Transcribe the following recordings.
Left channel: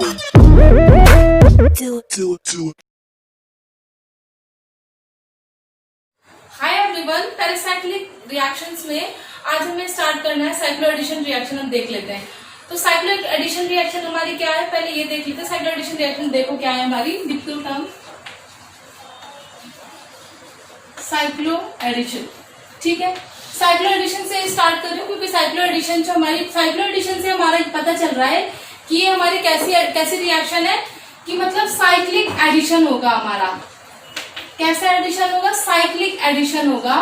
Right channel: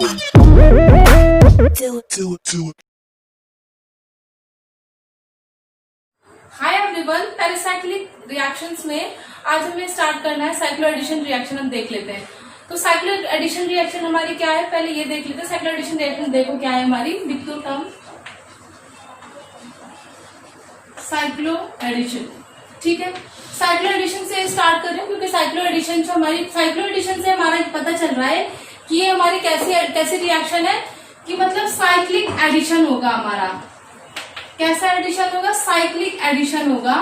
Hi everyone, pericyclic reactions में आज हमें स्टार्ट करना है साइक्लो एडिशन रिएक्शन। हम देख लेते हैं। तो साइक्लो एडिशन रिएक्शन हमारी क्या है, पहले ये देख लेते हैं। साइक्लो एडिशन रिएक्शन देखो क्या है हमारी, बिल्कुल कम साइक्लो एडिशन। ठीक है, साइक्लो एडिशन से स्टार्ट कर रहे हैं क्योंकि साइक्लो एडिशन से हमारा पता चल रहा है कि ये हमारी कैसी रिएक्शन है कि मतलब साइक्लिक एडिशन होगा हमारा। कैसा एडिशन होगा? साइक्लिक एडिशन होगा।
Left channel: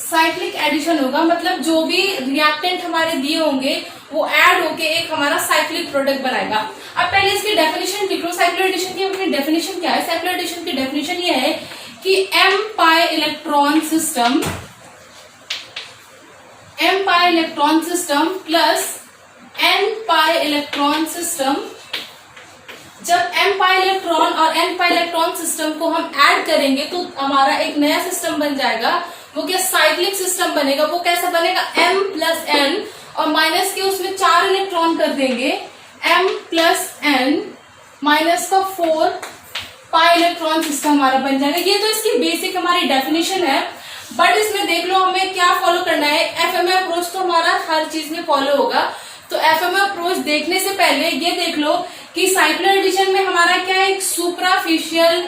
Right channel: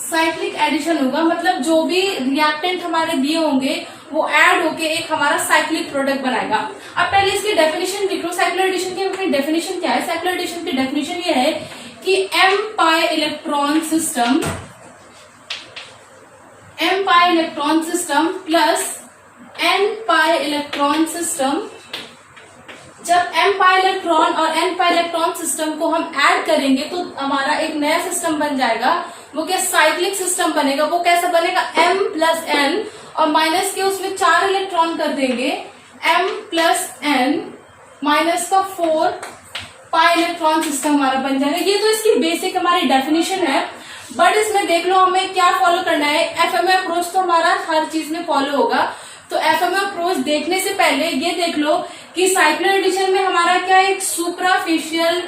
साइक्लिक एडिशन होगा मतलब जो भी रिएक्टेंट हमारे दिए होंगे वो ऐड होके एक हमारा साइक्लिक प्रोडक्ट बनाएगा। अब पहले इसकी डेफिनेशन लिख लो। साइक्लो एडिशन की अपनी डेफिनेशन क्या है? साइक्लो एडिशन की डेफिनेशन ये है कि m pi electron system plus n pi electron system. जब m पाई इलेक्ट्रॉन और n पाई इलेक्ट्रॉन सिस्टम को हम ऐड करेंगे तो हमारा एक नया सिस्टम बन जाएगा। वो क्या? साइक्लिक सिस्टम बनेगा। वो कैसा बनेगा? m प्लस n और माइनस के उसमें 4 इलेक्ट्रॉन कर देंगे, m प्लस n माइनस का 4 पाई इलेक्ट्रॉन सिस्टम हमारा बन जाएगा। ये तो इसकी बेसिक हमारी डेफिनेशन है। बट इसमें देख लो हमें क्या फॉलो करना है। एफएमए अप्रोच तो हमारा हर चीज में फॉलो होगा। तो एफएमए अप्रोच देखने से पहले ये देख लो कि साइक्लो एडिशन में हमारा क्या एक सुप्राफिशियल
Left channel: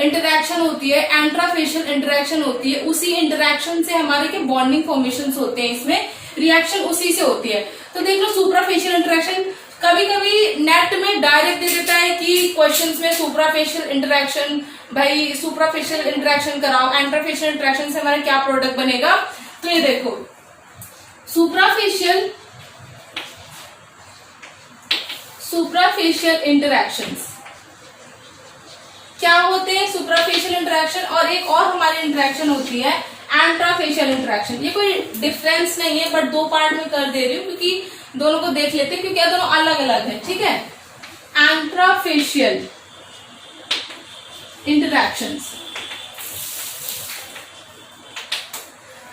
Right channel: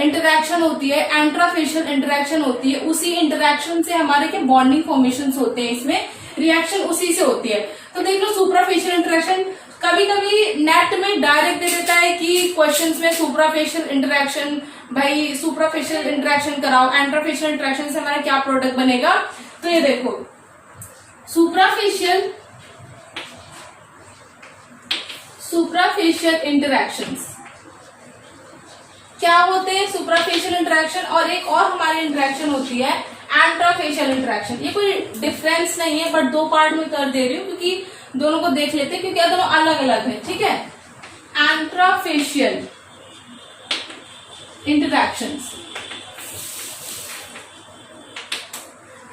इंटरेक्शन होती है, एंट्राफिशियल इंटरेक्शन होती है। उसी इंटरेक्शन से हमारे के बॉन्डिंग फॉर्मेशन होते हैं। इसमें रिएक्शन उसी से होती है। तो देख लो सुप्राफिशियल इंटरेक्शन, कभी कभी नेट में डायरेक्ट दे देता है कि क्वेश्चंस में सुप्राफिशियल इंटरेक्शन, भाई सुप्राफिशियल इंटरेक्शन कराओ, एंट्राफिशियल इंटरेक्शन से हमारा क्या प्रोडक्ट बनेगा। तो ये देखो सुप्राफिशियल इंटरेक्शंस क्या होते हैं? सुप्राफिशियल इंटरेक्शन और एक और हमारी इंटरेक्शन होती है एंट्राफेशियल इंटरेक्शन। ये कोई डिफरेंस नहीं है बट 2 पार्ट में कर दे रही हूँ क्योंकि दोनों को देख लेते हैं क्योंकि दोनों अलग अलग है। ठीक है, एंट्राफेशियल इंटरेक्शंस।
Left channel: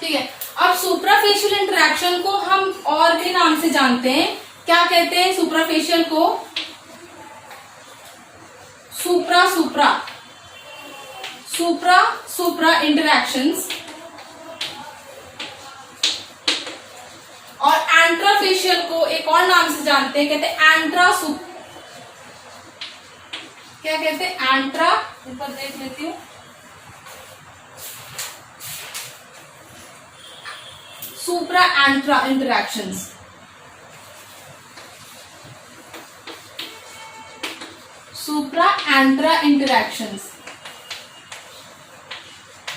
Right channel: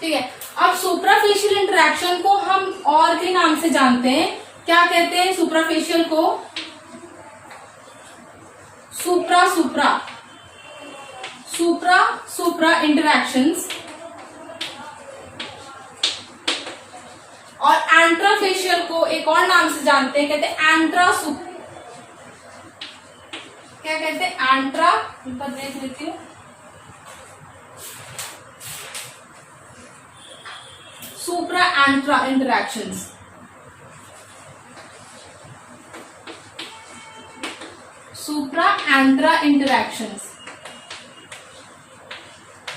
ठीक है, अब सुप्राफेशियल इंटरेक्शन को हम और भी नाम से जानते हैं। क्या कहते हैं सुप्राफेशियल को? सुप्रा इंटरेक्शंस। और एंट्राफेशियल को एक और नाम से जानते हैं, कहते हैं क्या कहते हैं? एंट्रा, ऊपर देख लेती हूँ, सुप्रा एंट्रा इंटरेक्शंस। सुप्रा एंट्रा इंटरेक्शंस।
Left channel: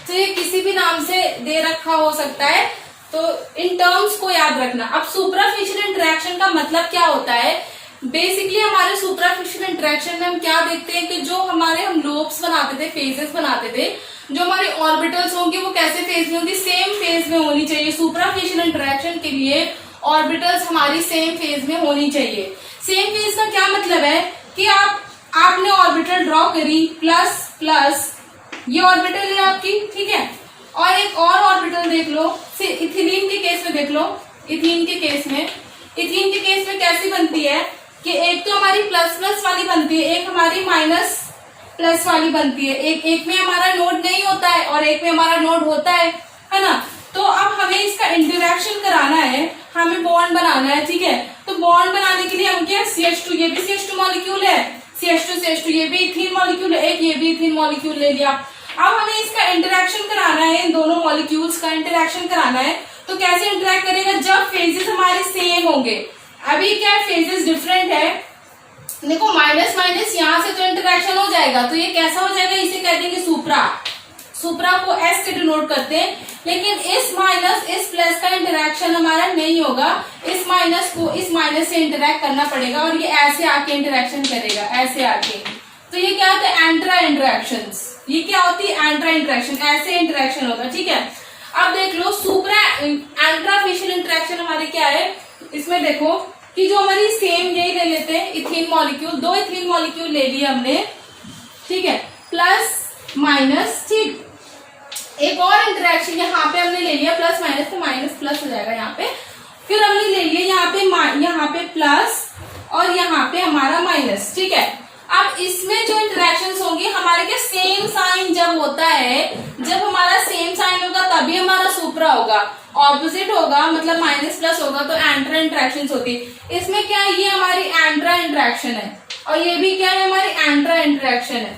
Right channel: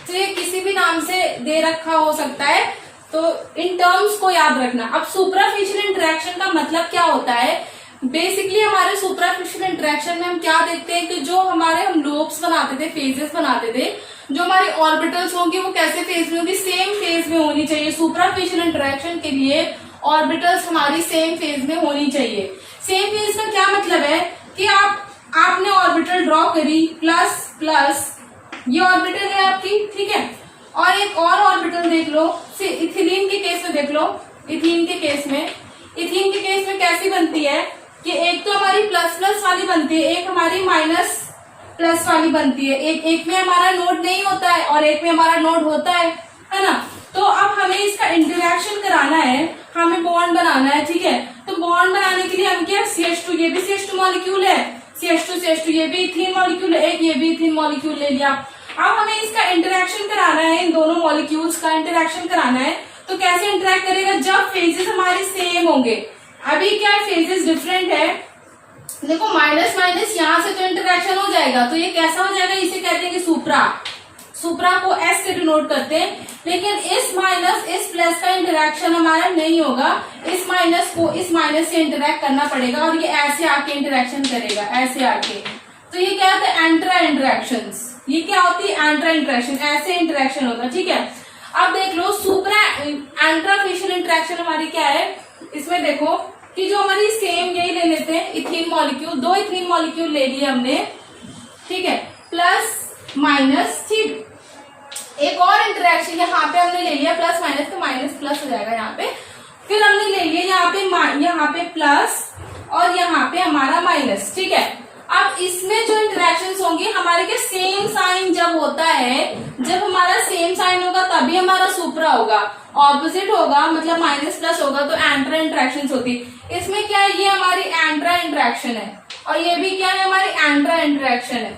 तो ये किसी भी नाम से दे रखा हो सकता है, तो इन टर्म्स को याद रखना। अब सुप्राफिशियल इंटरेक्शन का मतलब क्या होता है? बेसिकली हमारे सुप्राफिशियल इंटरेक्शन में हम क्या देखते हैं कि जो हमारे हम लोब्स बनाते थे, फेजेस बनाते थे, जो हमारी ऑर्बिटल्स होंगी वो कैसे फेज में होंगी? सेम फेज में होनी चाहिए। सुप्राफिशियल इंटरेक्शन के लिए ऑर्बिटल्स हमारी सेम फेज में होनी चाहिए। सेम फेज का क्या मतलब है कि आपने ऑर्बिटल ड्रॉ करी, प्लस प्लस ये ऑर्बिटल है आपकी। ठीक है, और एक और ऑर्बिटल देख लो, इथिलीन के केस में देख लो। इथीन के केस में कैसी बनती है कि एक तो हमारी प्लस प्लस वाली बनती है, एक हमारी माइनस प्लस वाली बनती है। एक में हमारा नोड नहीं होता है और एक में हमारा नोड होता है ना। तो अब हमें इसका इंटरेक्शन कराना है, हमें बॉन्ड बनाना है। ठीक है, तो बॉन्ड बनाने के लिए हम क्या, CH2, ये भी CH2 मॉलिक्यूल है, CH2 ये भी इथीन मॉलिक्यूल है, एक ये भी इथीन मॉलिक्यूल ले लिया। अब हमें इसका इंटरेक्शन कराना है, इन दोनों मॉलिक्यूल्स का इंटरेक्शन कराना है। तो कैसे इंटरेक्ट करेगा? जब फेजेस हमारे सेम होंगे। अभी क्या है, फेजेस डिफरेंट है। देखो माइनस माइनस यहाँ से तो इंटरेक्शन हो जाएगा, तो ये कैसा हो जाएगा? इसे कहते हैं कि सुप्रा को S से डिनोट करते हैं। लेकिन इस माइनस इस प्लस का इंटरेक्शन हमारा नहीं होगा, इस माइनस को इस माइनस से इंटरेक्ट करना पड़ेगा और ये ऐसे आके इंटरेक्शन करेगा, ऐसे आके। तो ये क्या होता है? एंट्रा इंटरेक्शंस। ये क्या होती है? एंट्रा इंटरेक्शन, ऐसे इंटरेक्शन होता है। ठीक है, अब देख लो सुप्रा एंट्राफेशियल इंटरेक्शन हमारी क्या है? इसमें देखो कि जो हमारी सेम, यही ले लेते हैं इथीन मॉलिक्यूल, 2 इथीन मॉलिक्यूल ले लिए हमने। ठीक है, प्लस माइनस। ठीक, एक और इंटरेक्शन यहाँ पे हमने ले लिया, प्लस माइनस, तो माइनस प्लस हो जाएगा यहाँ पे। फिर हमने ले लिया यहाँ पे प्लस और यहाँ पे हमारा माइनस, ठीक है। अब इसमें जो इंटरेक्शंस होंगी हमारे के सेम साइन जब होता है, जब हमारा सेम साइन होगा तभी हमारा सुपरा होगा, ऑपोजिट होगा मतलब माइनस प्लस होगा तो एंट्रा इंटरेक्शन होती है। इसमें क्या है, ये हमारी एंट्रा इंटरेक्शन है और ये भी क्या है, हमारी एंट्रा इंटरेक्शन है,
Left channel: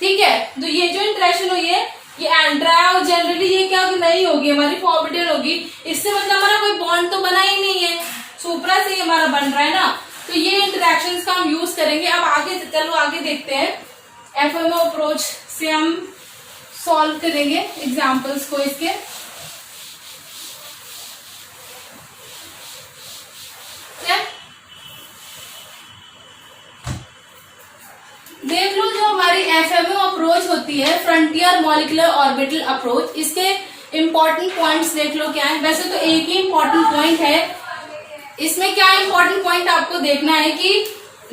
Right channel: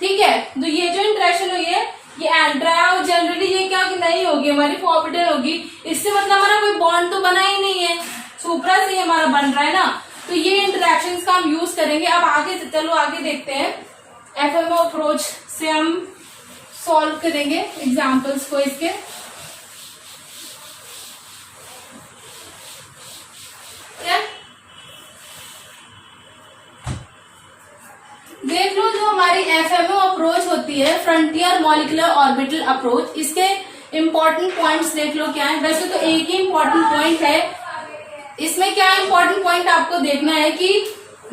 ठीक है। तो ये जो इंटरेक्शन हुई है ये एंट्रा है और जनरली ये क्या नहीं होगी, हमारी फॉरबिडन होगी। इससे मतलब हमारा कोई बॉन्ड तो बना ही नहीं है, सुपरा से हमारा बन रहा है ना, तो ये इंटरेक्शंस का हम यूज करेंगे। अब आगे चलो आगे देखते हैं, एफएमओ अप्रोच से हम सॉल्व करेंगे एग्जांपल्स को इसके। देख लो, जो हमारी एफएमओ अप्रोच होती है, फ्रंटियर मॉलिक्यूलर ऑर्बिटल अप्रोच, इसके इंपॉर्टेंट पॉइंट्स देख लो क्या है। वैसे तो एक ही इंपॉर्टेंट पॉइंट है, इसमें क्या इंपॉर्टेंट पॉइंट आपको देखना है कि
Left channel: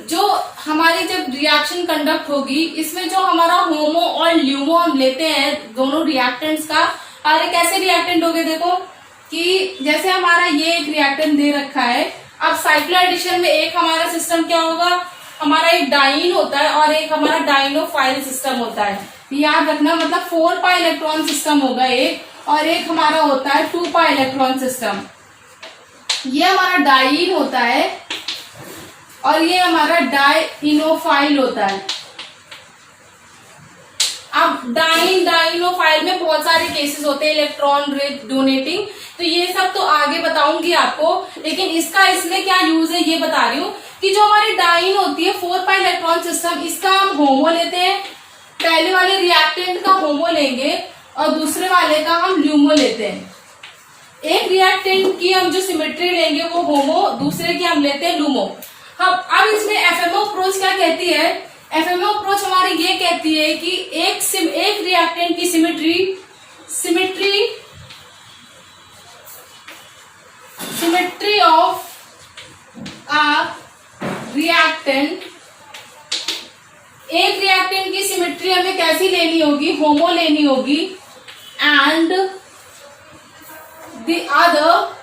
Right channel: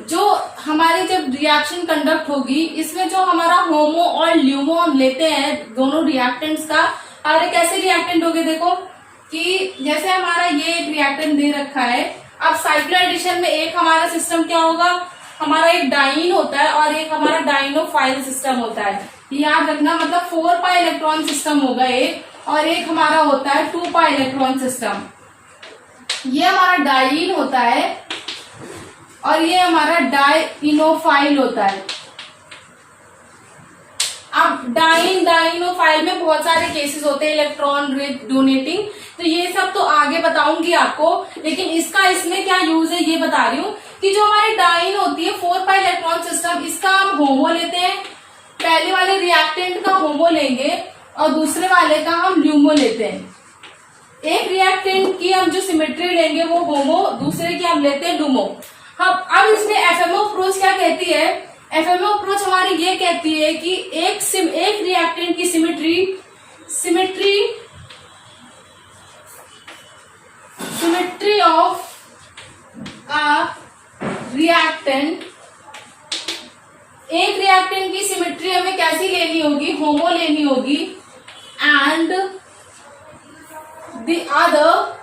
जो हमारी जब रिएक्शन कंडक्ट होगी, इसमें जो हमारा होमो और ल्यूमो हम लेते हैं दोनों रिएक्टेंट्स का, अरे कैसे रिएक्टेंट हो गए देखो कि जैसे हमारा ये एक रिएक्टेंट दे रखा है। अब साइक्लो एडिशन में एक हमारा सिस्टम क्या होगा, हमारा एक डाइन होता है और एक हमारा डाइनोफाइल सिस्टम होता है, याद रखना। मतलब 4 पाई इलेक्ट्रॉन सिस्टम होगा एक, और एक हमारा होता है 2 पाई इलेक्ट्रॉन सिस्टम। ये हमारा डाइन होता है और ये हमारा डाइनोफाइल होता है। अब डाइनोफाइल में बहुत सारे केसेस होते हैं, इलेक्ट्रॉन रिच डोनेटिंग, तो ये सब तो आगे बताऊंगी आपको, लेकिन इसका इसमें क्या यूज है ये बता रही हूँ कि जो हमारी डाइन होती है 4 पाई इलेक्ट्रॉन सिस्टम, इसका हम होमो लेते हैं, पहले वाले रिएक्टेंट का होमो लेंगे और दूसरे वाले का हम ल्यूमो लेते हैं। एक रिएक्टेंट की हम जो सिमेट्री लेंगे वो होमो, दूसरे की हम लेते हैं लूमो। अब इसमें एफएमओ अप्रोच क्या कहती है, एफएमओ अप्रोच हमारी ये कहती है कि एक रिएक्टेंट की सिमेट्री ऑफ अ रिएक्टेंट, एक रिएक्टेंट की सिमेट्री हमें कैसी लेनी होगी, होमो लेनी होगी, एंड द अदर,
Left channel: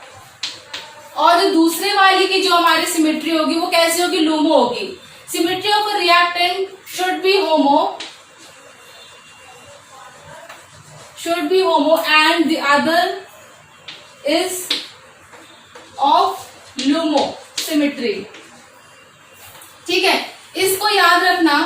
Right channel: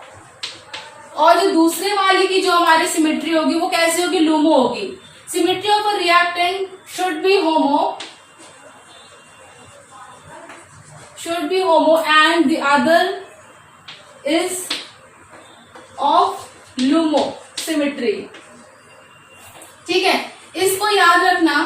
और जो दूसरे वाली की जो हमारी सिमेट्री होगी वो कैसी होगी, लूमो होगी। Symmetry of a reactant should be homo and the other is of LUMO symmetry, ठीक है। इसको याद रखना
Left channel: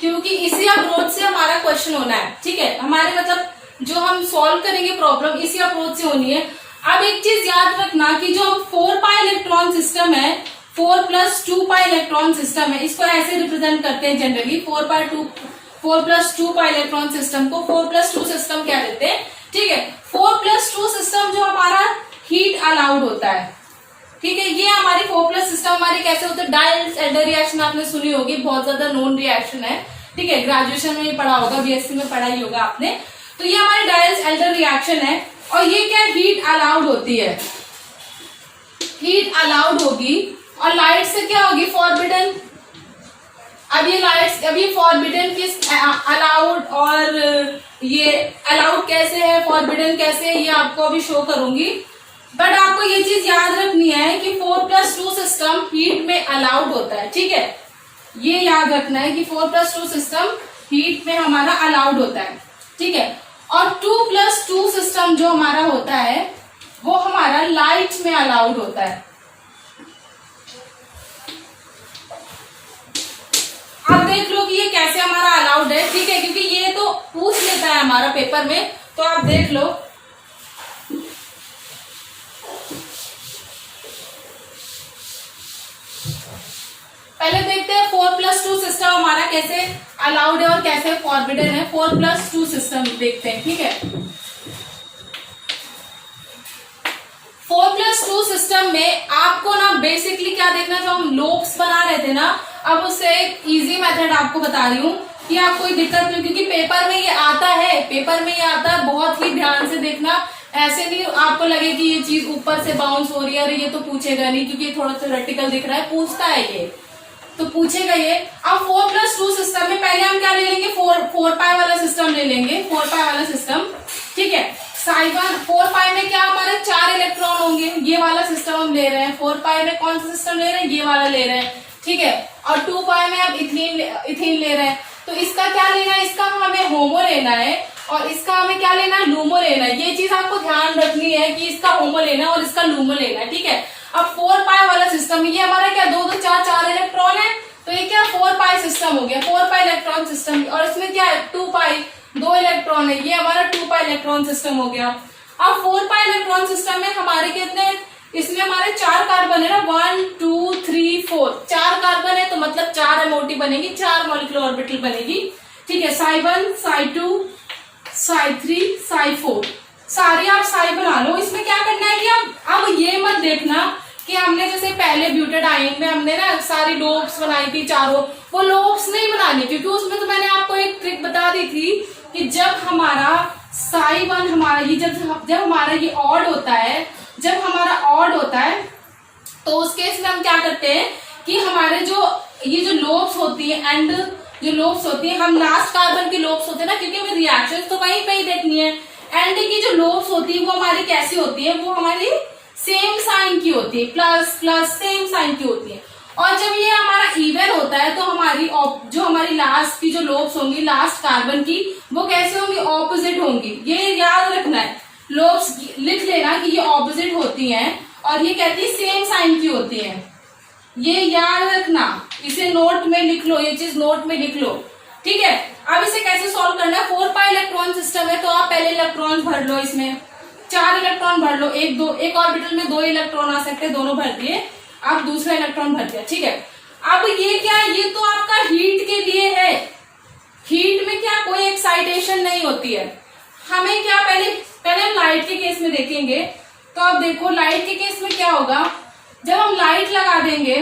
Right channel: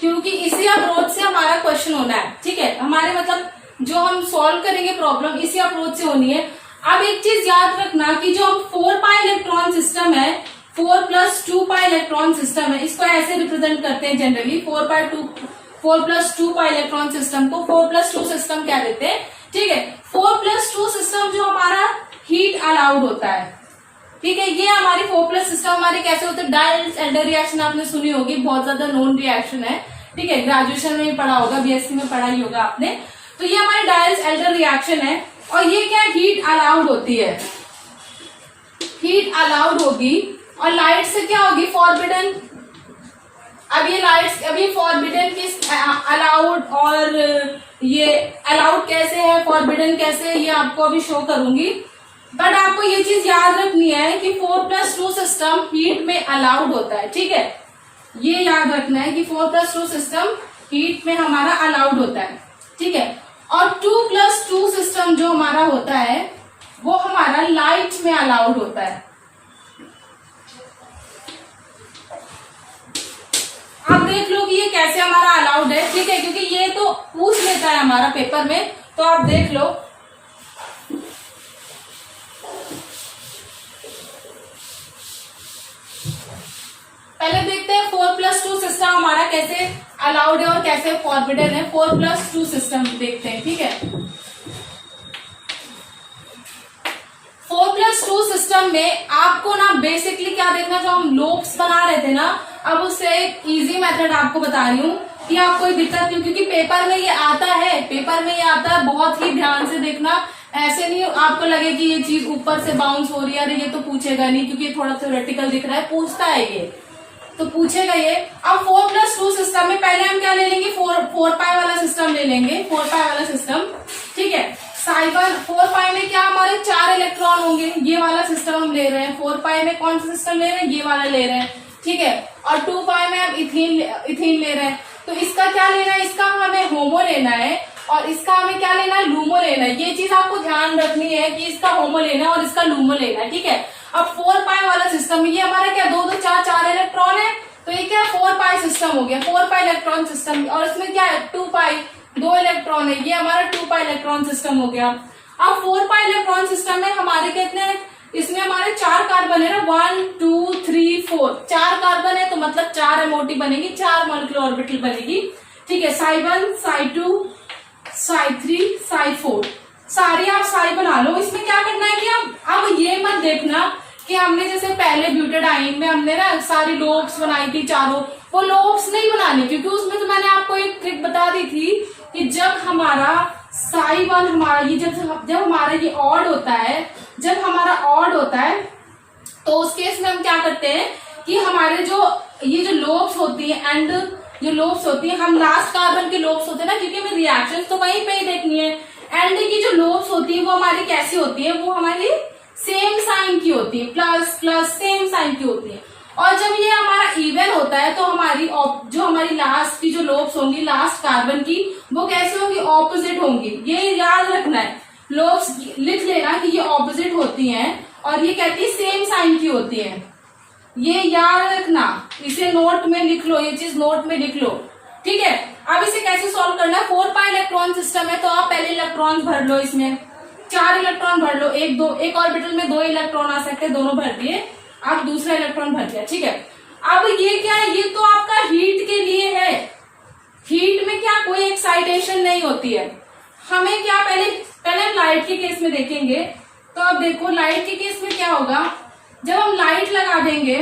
क्योंकि इसी अप्रोच से हमारा क्वेश्चन होना है, ठीक है। हमारे मतलब जो हम सॉल्व करेंगे प्रॉब्लम इसी अप्रोच से होनी है। अब एक चीज याद रखना कि जो हम 4 पाई इलेक्ट्रॉन सिस्टम है, 4 + 2 पाई इलेक्ट्रॉन सिस्टम है, इसको ऐसे रिप्रेजेंट करते हैं जनरली, 4 + 2 पाई इलेक्ट्रॉन सिस्टम को 4 + 2 सिस्टम क्या देते हैं, ठीक है। 4 + 2 सिस्टम जो हमारा हीट अलाउड होता है, ठीक है। ये हमारी 4+ सिस्टम हमारी कैसे होते हैं, डायल्स-एल्डर रिएक्शन आपने सुनी होगी, बहुत ज्यादा नोन रिएक्शन है, ठीक है। ग्रेजुएशन में पढ़ा होगा, बीएससी में पढ़ा ही होगा आपने। तो ये हमारी डायल्स-एल्डर रिएक्शन है और ये क्या हीट अलाउड होती है, हीट अलाउड होगी। और लाइट से क्या होगी, फॉरबिडन। अब ये फॉरबिडन किस, अलाउड, और ये अलाउड कैसे है, फॉरबिडन कैसे है, ये आपको अभी शो करूंगी। बट आपको ये चीज याद रखनी है कि 4 + 2 सिस्टम हीट में अलाउड होता है, ठीक है। ये याद रखना है कि 4 + 2 सिस्टम हीट में हमारा अलाउड होता है, ठीक है। और 2 + 2 सिस्टम जो हमारा होता है वो हमारा लाइट में अलाउड होता है। आप देख लो कि ये कैसे हमारा अलाउड है, ठीक है, क्योंकि ये तो पूछ लेता है हमारा पेपर में, तो आप देख लो। पहले देखते हैं 4 + 2 सिस्टम हमारा कैसे अलाउड है और कैसे फॉरबिडन है। 4 + 2 सिस्टम देखते हैं, ठीक है। 4 + 2 सिस्टम में आपको ना बेसिकली क्या देखना, जो हम लोब्स बना रहे थे ना, अब उससे एक इजी मेथड आपको बता रही हूँ कि आपको कोई दिक्कत नहीं, क्योंकि पेपर में ये आता है, बहुत ही ध्यान से देखना। ऐसे नहीं आपको लगे कि ये चीज ऊपर से बाउंस हो रही है, अरे ये तो पूछेगा नहीं क्योंकि थोड़ा थ्योरेटिकल दिख रहा है, पूछता है ये तो पूछेगा ये। अब 4 + 2 सिस्टम में पहले हम क्या ले लेंगे, 4 पाई वाला सिस्टम ले लेंगे, 4 पाई वाला सिस्टम, ठीक है। साइबर 4 पाई में क्या हमारे 4 इलेक्ट्रॉन होंगे, ये वाला सिस्टम हम ले रहे हैं। हैं, 4 पाई में कौन सा सिस्टम ले रहे हैं, ये वाला ले रहे हैं, ठीक है। और 2 पाई में अब इथीन ले रहे हैं, तो इसका क्या लेना है, इसका हमें होमो लेना है और इसका हमें क्या लेना है, लूमो लेना है। ये चीज आपको ध्यान रखनी है कि इसका होमो लेना है और इसका लूमो लेना है, ठीक है। अब 4 पाई वाला सिस्टम, ये हमारा क्या 2 2 4 4 इलेक्ट्रॉन है, तो ये क्या 4 पाई सिस्टम हो गया, 4 पाई इलेक्ट्रॉन सिस्टम। और इसमें क्या है 2 पाई, 2 इलेक्ट्रॉन है, ये हमारा 2 पाई इलेक्ट्रॉन सिस्टम हो गया। अब 4 पाई इलेक्ट्रॉन सिस्टम में हमारे कितने, इसमें हमारे 4 कार्बन है ना, 1 2 3 4, 4 कार्बन है तो मतलब 4 एमओटी बनेगी, 4 मॉलिक्यूलर ऑर्बिटल बनेगी, ठीक है। साई 1 साई 2 साई 3 साई 4, सारी आप साई बना लो। इसमें क्या करना है कि अब ये मत देखना कि हमने जैसे पहले ब्यूटाडाइन में हमने ना सारी लोब्स बनाई थी चारों, वो लोब्स नहीं बनानी, क्योंकि उसमें तो मैंने आपको एक ट्रिक बता दी थी कि जब हमारा साई 1 हमारा ये जब हमारा ये ऑड होता है, जब हमारा ऑड होता है तो उस केस में हम क्या करते हैं कि हमारे ये जो लोब्स होती है एंड जो लोब्स होती है, हम लास्ट कार्बन के लोब्स होते हैं ना, क्योंकि हमें रिएक्शन तो वहीं पे ही देखनी है। एंड की जो लोब्स होती है वो हमारी कैसी होती है, वो हमारी सेम साइन की होती है, प्लस प्लस सेम साइन की होती है। और जब ये हमारा इवन होता है तो जो हमारी लास्ट की जो लोब्स होंगी लास्ट कार्बन की, वो कैसे होंगी, ऑपोजिट होंगी। ये याद रखना है, लोब्स लिख लेना कि ये ऑपोजिट होती हैं और ये कहती है सेम साइन की होती है, ये याद रखना, इसे नोट में लिख लो, ये चीज नोट में लिख लो, ठीक है। अब इसे कैसे सॉल्व करना है, 4 पाई इलेक्ट्रॉन सिस्टम है तो आप पहले इलेक्ट्रॉन भर लो, इसमें 4 इलेक्ट्रॉन भर लो, एक ऑर्बिटल में 2 इलेक्ट्रॉन आ सकते हैं, दोनों भर दिए, आप दूसरा इलेक्ट्रॉन भर दिया, ठीक है। अब ये क्या है, ये तो आपका हीट के लिए है, हीट में क्या कोई एक्साइटेशन नहीं होती है। हमें क्या पहले लाइट के केस में देखेंगे, तो अब देखो लाइट के केस में क्या होगा, जब हम लाइट लगा देंगे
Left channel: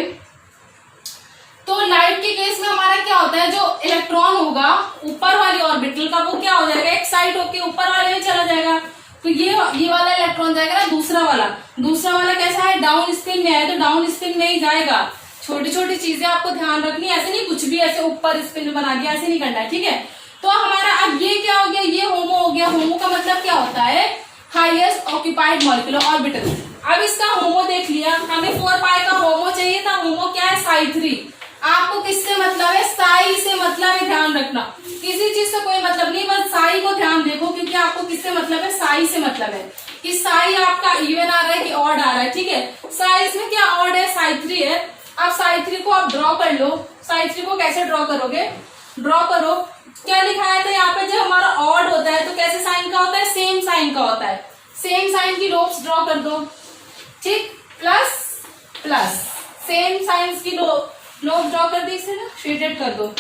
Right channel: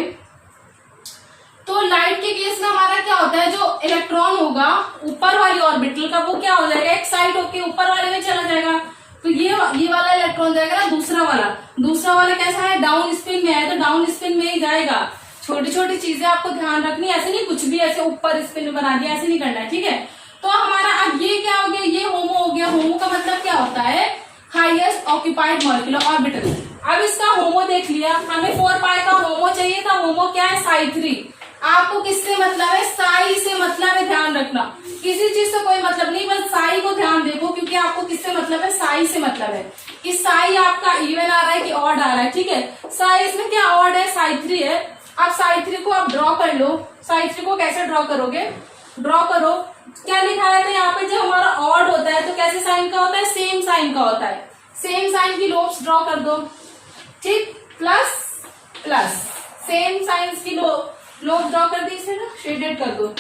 तो लाइट के केस में हमारा क्या होता है, जो इलेक्ट्रॉन होगा ऊपर वाली ऑर्बिटल का वो क्या हो जाएगा, एक्साइट होके ऊपर वाले में चला जाएगा, तो ये वाला इलेक्ट्रॉन जाएगा ना, दूसरा वाला कैसा है, डाउन स्पिन में है, तो डाउन स्पिन में ही जाएगा। छोटी छोटी चीजें आपको ध्यान रखनी है, ऐसे नहीं कुछ भी ऐसे ऊपर स्पिन बना दिया, ऐसे नहीं करना है, ठीक है। तो हमारा अब ये क्या हो गया, ये होमो हो गया। होमो का मतलब क्या होता है, हाईएस्ट ऑक्यूपाइड मॉलिक्यूलर ऑर्बिटल। अब इसका होमो देख लिया, हमें 4 पाई का होमो चाहिए था, होमो क्या है, साई 3। आपको किससे मतलब है, साई से मतलब है, ध्यान रखना, किसी चीज से कोई मतलब नहीं, बस साई को ध्यान देखो, क्योंकि आपको किससे मतलब है, साई से मतलब है कि साई आपका इवन आ रहा है कि ऑड आ रहा है, ठीक है। साई इसमें क्या ऑड है, साई 3 है। अब साई 3 को आप ड्रॉ कर लो, साई 3 को कैसे ड्रॉ करोगे, ड्रॉ करो, क्या लिखाया था यहाँ पे, जब हमारा ऑड होता है तो कैसे साइन का होता है, सेम साइन का होता है, सेम साइन की लोब्स ड्रॉ कर दो, ठीक, प्लस प्लस सेम साइंस की लोब ड्रॉ कर दी, इसे ना शेडेड कर दो,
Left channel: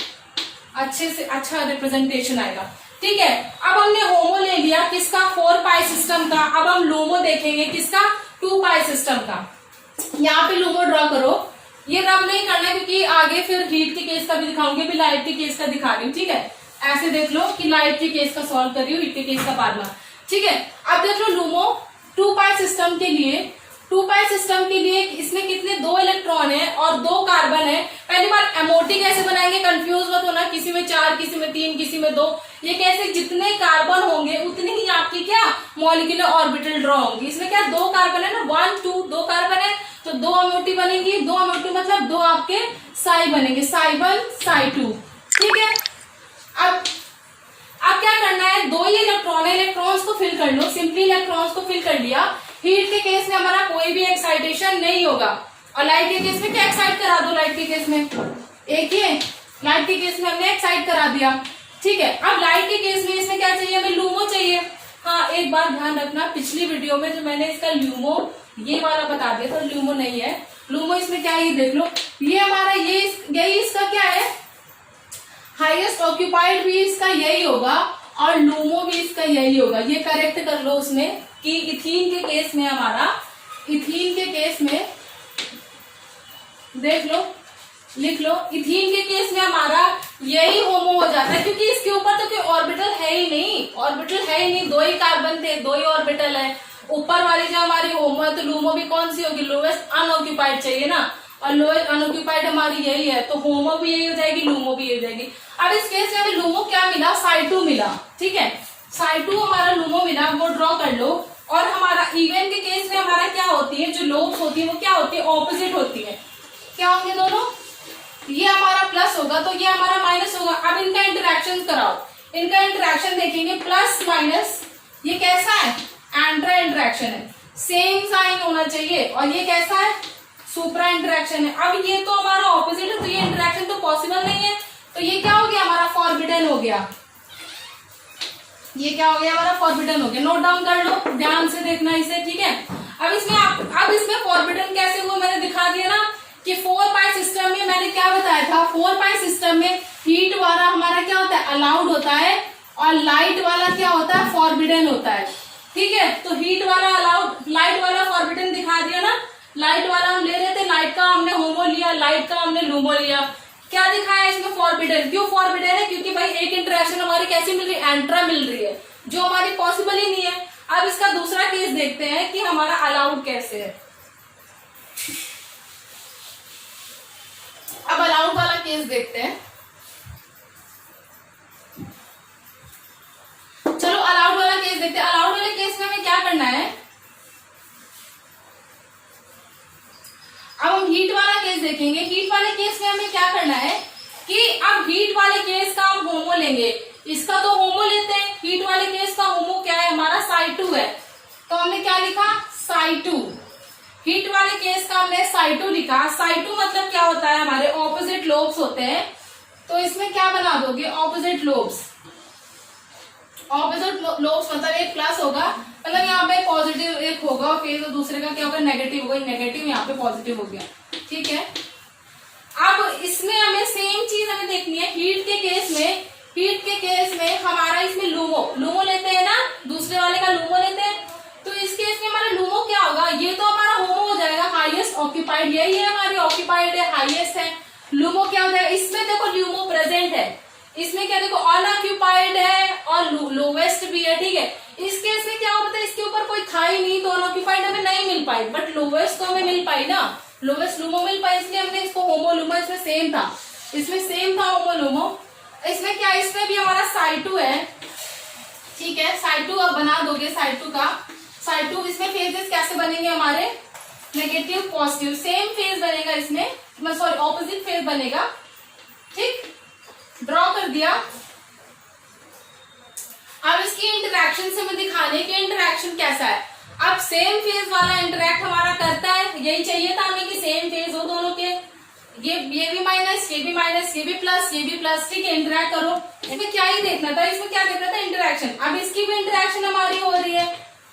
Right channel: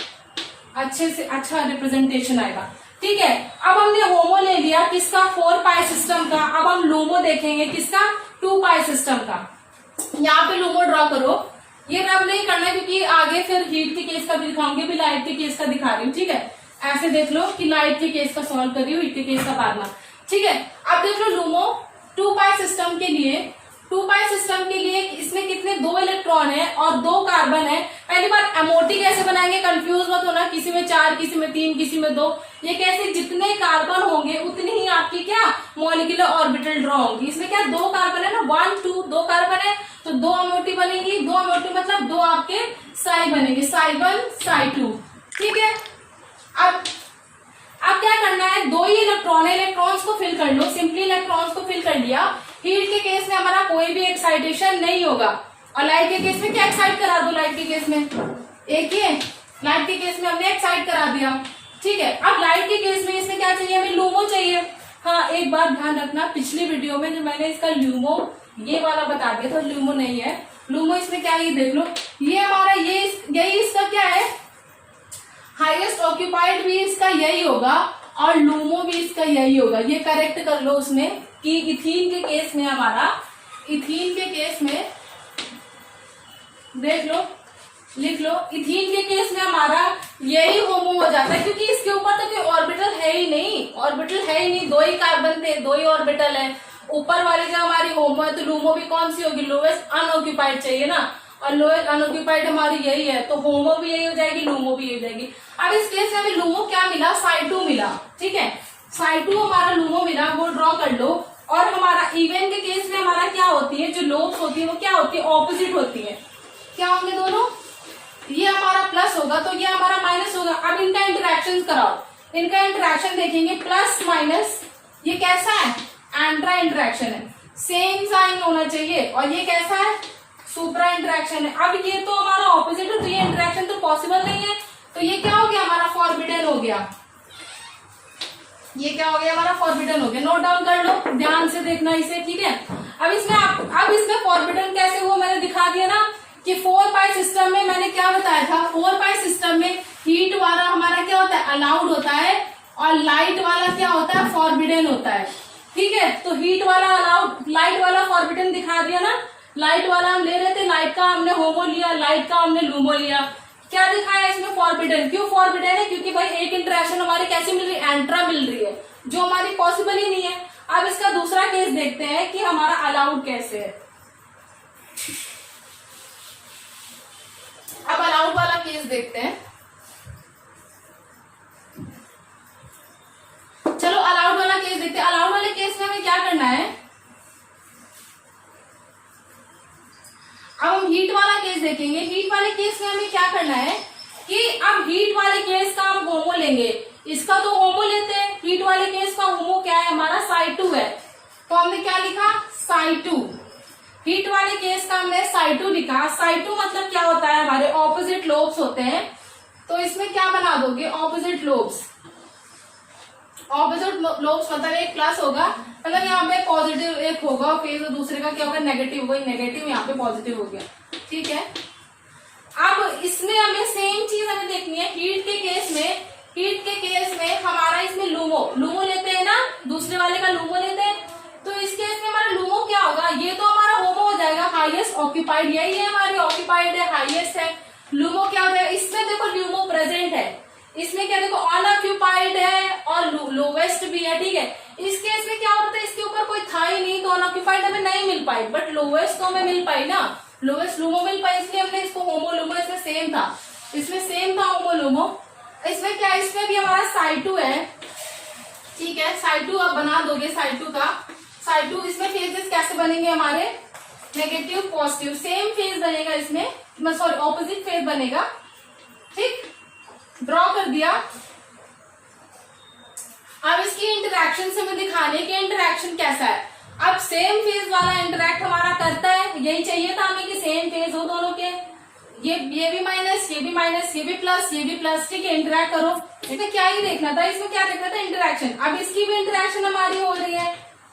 अच्छे से अच्छा रिप्रेजेंटेशन आएगा, ठीक है। अब हमने होमो ले लिया किसका, 4 पाई सिस्टम का। अब हम लूमो देखेंगे किसका, 2 पाई सिस्टम का। यहाँ पे लूमो ड्रॉ करो, ये अब नहीं करना क्योंकि आगे फिर हीट के केस का भी दिखाऊंगी, भी लाइट के केस का दिखा रही हूँ, ठीक है। ऐसे देख लो कि लाइट के केस का सॉल्व कर रही हूँ, हीट के केस का बाद में, ठीक है। अब देख लो लूमो 2 पाई सिस्टम के लिए, 2 पाई सिस्टम के लिए इसमें कितने 2 इलेक्ट्रॉन है और 2 कार्बन है। पहली बार एमओटी कैसे बनाएंगे, कंफ्यूज मत होना, किसी में 4 किसी में 3 किसी में 2, ये कैसे, जितने कार्बन होंगे उतनी ही आपकी क्या मॉलिक्यूलर ऑर्बिटल ड्रॉ होंगी। इसमें क्या 2 कार्बन है ना, 1 2 2 कार्बन है तो 2 एमओटी बनेगी, 2 एमओटी मतलब 2 आपके साई बनेंगे, साई 1 साई 2, ठीक है। अब क्या करना है, 2 ही इलेक्ट्रॉन है, इलेक्ट्रॉन्स को फिल कर लो, सिंपली इलेक्ट्रॉन्स को फिल कर लिया। हीट के केस में हमारा कोई भी एक्साइटेशन नहीं होगा, और लाइट के केस में क्या एक्साइट करा दो, लाइट के केस में एक ही, लाइट के केस में हमने एक्साइट करा दिया, ठीक है। अब लाइट के केस में इसमें क्या चाहिए, हमें लूमो चाहिए। हाँ, एक बात ध्यान रखना, पिछली वीडियो में जो मैंने इसका लूमो ये वाला बता दिया था, लूमो नहीं है, लूमो इसमें क्या है ये देख लो, ये हमारा यही इसका क्या है, हाईएस्ट ऑक्यूपाइड भी इसका यही होगा और लूमो भी इसका यही होगा। ये करेक्ट कर लो उसमें कि इथीन के केस में हमारा, इथीन के केस में देख लो, लिख लो, इथीन के केस में हमारा यही होमो हो जाता है, क्योंकि इसके ऊपर तो कोई ऑर्बिटल है ही नहीं, ऑर्बिटल है ही नहीं, 2 ही कार्बन थे, 2 ही ऑर्बिटल है। ऊपर वाली जो हमारी होमो है तो लूमो भी कौन सी होगी, लोवेस्ट अनऑक्यूपाइड चाहिए ना, और लोएस्ट अनऑक्यूपाइड हमारी यही है, तो होमो भी यही हो जाएगी, लूमो भी यही हो जाएगी। अब इस केस में हमें लूमो क्या मिला, साई 2 मिला, ठीक है, साई 2 हमारा लूमो मिला, वो ड्रॉ कर लो। और हमारा इवन के केस में हमारा क्या होती है, जो लोब्स होती है वो क्या होती है, ऑपोजिट होती है। क्या होंगे दोनों, ये हमारा प्लस होगा तो ये हमारा माइनस होगा। अब इनका इंटरेक्शन कराओ, इनका इंटरेक्शन देखेंगे प्लस माइनस, ये कैसा है, एंट्रा इंटरेक्शन है, सेम साइन होना चाहिए। और ये कैसा है, सुप्रा इंटरेक्शन है। अब ये तो हमारा ऑपोजिट है तो ये इंटरेक्शन तो पॉसिबल नहीं है, तो ये क्या हो गया, हमारा फॉरबिडन हो गया। ये क्या हो गया, हमारा फॉरबिडन हो गया। नोट डाउन कर लो, ध्यान से देखना इसे, ठीक है। अब इसमें फॉरबिडन कैसे हुआ मैंने दिखा दिया ना, कि 4 पाई सिस्टम में मैंने क्या बताया था, 4 पाई सिस्टम में हीट वाला हमारा क्या होता है, अलाउड होता है, और लाइट वाला क्या होता है, फॉरबिडन होता है, ठीक है। तो हीट वाला अलाउड, लाइट वाला फॉरबिडन दिखा दिया ना। लाइट वाला हम ले रहे थे, लाइट का हमने होमो लिया, लाइट का हमने लूमो लिया। क्या दिखाया इसमें, फॉरबिडन। क्यों फॉरबिडन है, क्योंकि भाई एक इंटरेक्शन हमारी कैसी मिल रही है, एंट्रा मिल रही है, जो हमारी पॉसिबल ही नहीं है। अब इसका दूसरा केस देखते हैं कि हमारा अलाउड कैसे है। अब अलाउड वाला केस देखते हैं। चलो अलाउड वाला केस देखते हैं। अलाउड वाले केस में हमें क्या करना है, अब हम हीट वाला केस देखेंगे। हीट वाले केस में हमें क्या करना है कि अब हीट वाले केस का हम होमो लेंगे, इसका तो होमो लेते हैं। हीट वाले केस का होमो क्या है, हमारा साई2 है, तो हमने क्या लिखा, साई2। हीट वाले केस का हमने साई2 लिखा। साई2 मतलब क्या होता है, हमारे ऑपोजिट लोब्स होते हैं, तो इसमें क्या बना दोगे, ऑपोजिट लोब्स। ऑपोजिट लोब्स मतलब एक प्लस होगा, मतलब यहाँ पे पॉजिटिव एक होगा, फिर तो दूसरे का क्या होगा, नेगेटिव होगा, नेगेटिव यहाँ पे पॉजिटिव हो गया, ठीक है। अब इसमें हमें सेम चीज हमें देखनी है। हीट के केस में हमारा इसमें लूमो लेते हैं ना, दूसरे वाले का लूमो लेते हैं, तो इस केस में हमारा लूमो क्या होगा, ये तो हमारा होमो हो जाएगा, हाईएस्ट ऑक्यूपाइड, यही है हमारी ऑक्यूपाइड है, हाईएस्ट है। लूमो क्या हो जाएगा, इसमें देखो लूमो प्रेजेंट है, इसमें क्या देखो अनऑक्यूपाइड है और लोवेस्ट भी है, ठीक है। इस केस में क्या होता है, इसके ऊपर कोई था ही नहीं, तो अनऑक्यूपाइड हमें नहीं मिल पाई, बट लोवेस्ट तो हमें मिल पाई ना, लोवेस्ट लूमो मिल पाई, इसलिए हमने इसको होमो लूमो, इसमें सेम था होमो लूमो। इसमें क्या, इसमें भी हमारा साई2 है, ठीक है। साई2 अब बना दोगे, साई2 का साई2, इसमें फेजेस कैसे बनेंगे हमारे, नेगेटिव पॉजिटिव, सेम फेज बनेगा इसमें, सॉरी ऑपोजिट फेज बनेगा, ठीक। ड्रॉ कर दिया। अब इसकी इंटरेक्शन से हमें दिखाने के इंटरेक्शन कैसा है। अब सेम फेज वाला इंटरेक्ट हमारा करता है, यही चाहिए था हमें कि सेम फेज हो दोनों के, ये भी माइनस, ये भी माइनस, ये भी प्लस, ये भी प्लस, ठीक है। इंटरेक्ट करो, इसमें क्या ही देखना था, इसमें क्या देखना था, इंटरेक्शन। अब इसकी भी इंटरेक्शन हमारी हो रही है,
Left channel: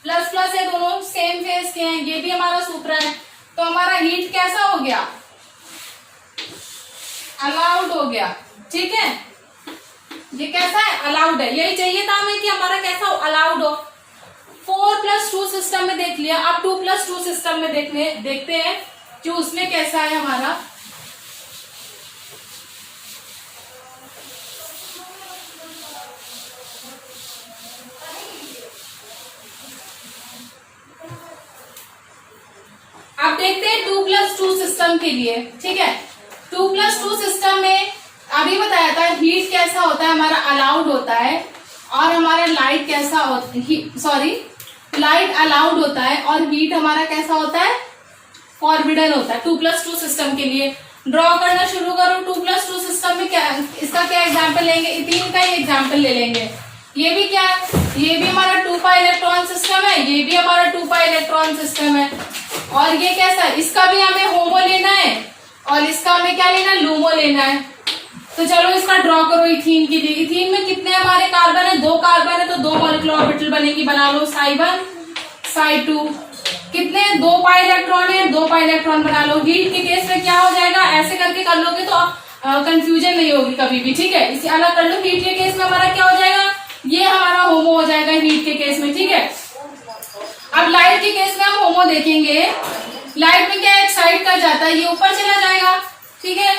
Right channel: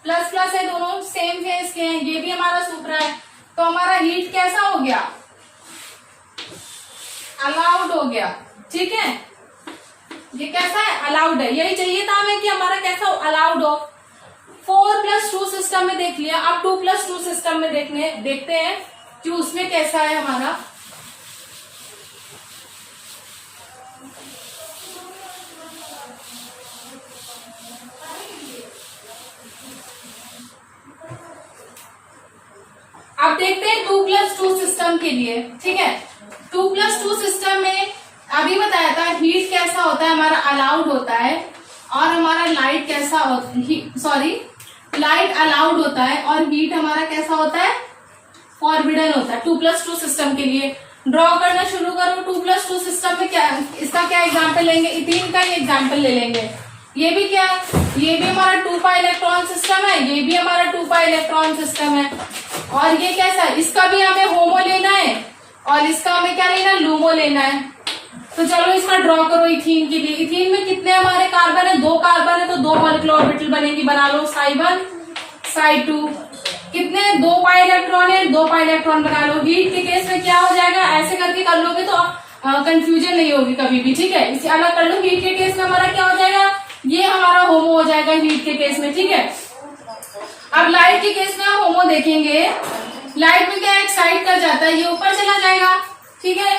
प्लस प्लस है, दोनों सेम फेज के हैं, ये भी हमारा सुप्रा है, तो हमारा हीट कैसा हो गया, अलाउड हो गया, ठीक है। ये कैसा है, अलाउड है, यही चाहिए था हमें कि हमारा कैसा हो, अलाउड हो। 4+2 सिस्टम में देख लिया, अब 2+2 सिस्टम में देखते हैं कि उसमें कैसा है हमारा। अब देखते हैं 2+2 सिस्टम के लिए, ठीक है। 2+2 सिस्टम में अभी बताया था हीट कैसा होता है, हमारा अलाउड होता है, और हमारा लाइट कैसा होता है, लाइट अलाउड होता है, और हीट हमारा कैसा होता है, फॉरबिडन होता है। 2+2 सिस्टम के लिए ड्रॉ करना शुरू करो। 2+2 सिस्टम में क्या, इसका क्या एग्जाम्पल लेंगे, इथीन का ही एग्जाम्पल ले लेंगे। ये भी क्या है, ये भी हमारा 2 पाई इलेक्ट्रॉन सिस्टम है, ये भी हमारा 2 पाई इलेक्ट्रॉन सिस्टम है, और ये कैसा है, इसका भी हमें होमो लेना है, और इसका हमें क्या लेना है, लूमो लेना है। तो चलो इसका ड्रॉ करो इथीन के लिए। इथीन में कितने हमारे कार्बन है, 2 कार्बन है, तो 2 मॉलिक्यूलर ऑर्बिटल बनेगी, बना लो, साई1 साई2। कितने, 2 पाई इलेक्ट्रॉन है, 2 पाई इलेक्ट्रॉन बना लो। हीट के केस में क्या हो जाएगा, ऐसे करके कर लोगे तो कंफ्यूजन नहीं होगी कभी भी, ठीक है। इसे अलग कर लो। हीट के केस में हमारा क्या हो जाएगा, ये हमारा होमो हो जाएगा हीट के केस में, ठीक है। अब लाइट के केस में हम होमो देखेंगे। लाइट में क्या एक साइड कर जाता है, ये ऊपर चला जाएगा, ठीक है।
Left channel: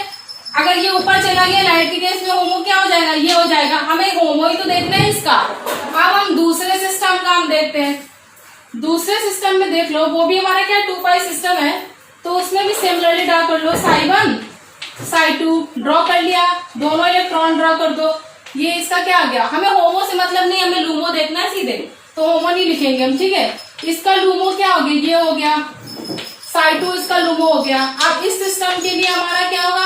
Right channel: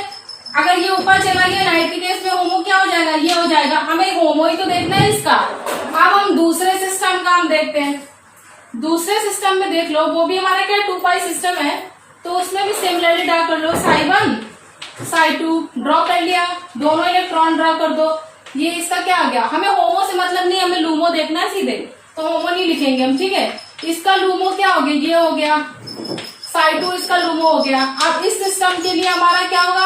अगर ये ऊपर चला गया लाइट के केस में, होमो क्या हो जाएगा, ये हो जाएगा। हमें होमो ही तो देखना है इसका। अब हम दूसरे सिस्टम का हम देखते हैं। दूसरे सिस्टम में देख लो, वो भी हमारा क्या 2 पाई सिस्टम है, तो उसमें भी सिमिलरली ड्रॉ कर लो, साई1 साई2 ड्रॉ कर लिया, दोनों इलेक्ट्रॉन ड्रॉ कर दो। ये इसका क्या आ गया, हमें होमो से मतलब नहीं, हमें लूमो देखना है सीधे, तो होमो नहीं लिखेंगे हम, ठीक है। इसका लूमो क्या हो गया, ये हो गया Psi2 इसका लूमो हो गया। अब इस सिस्टम के लिए हमारा क्या होगा,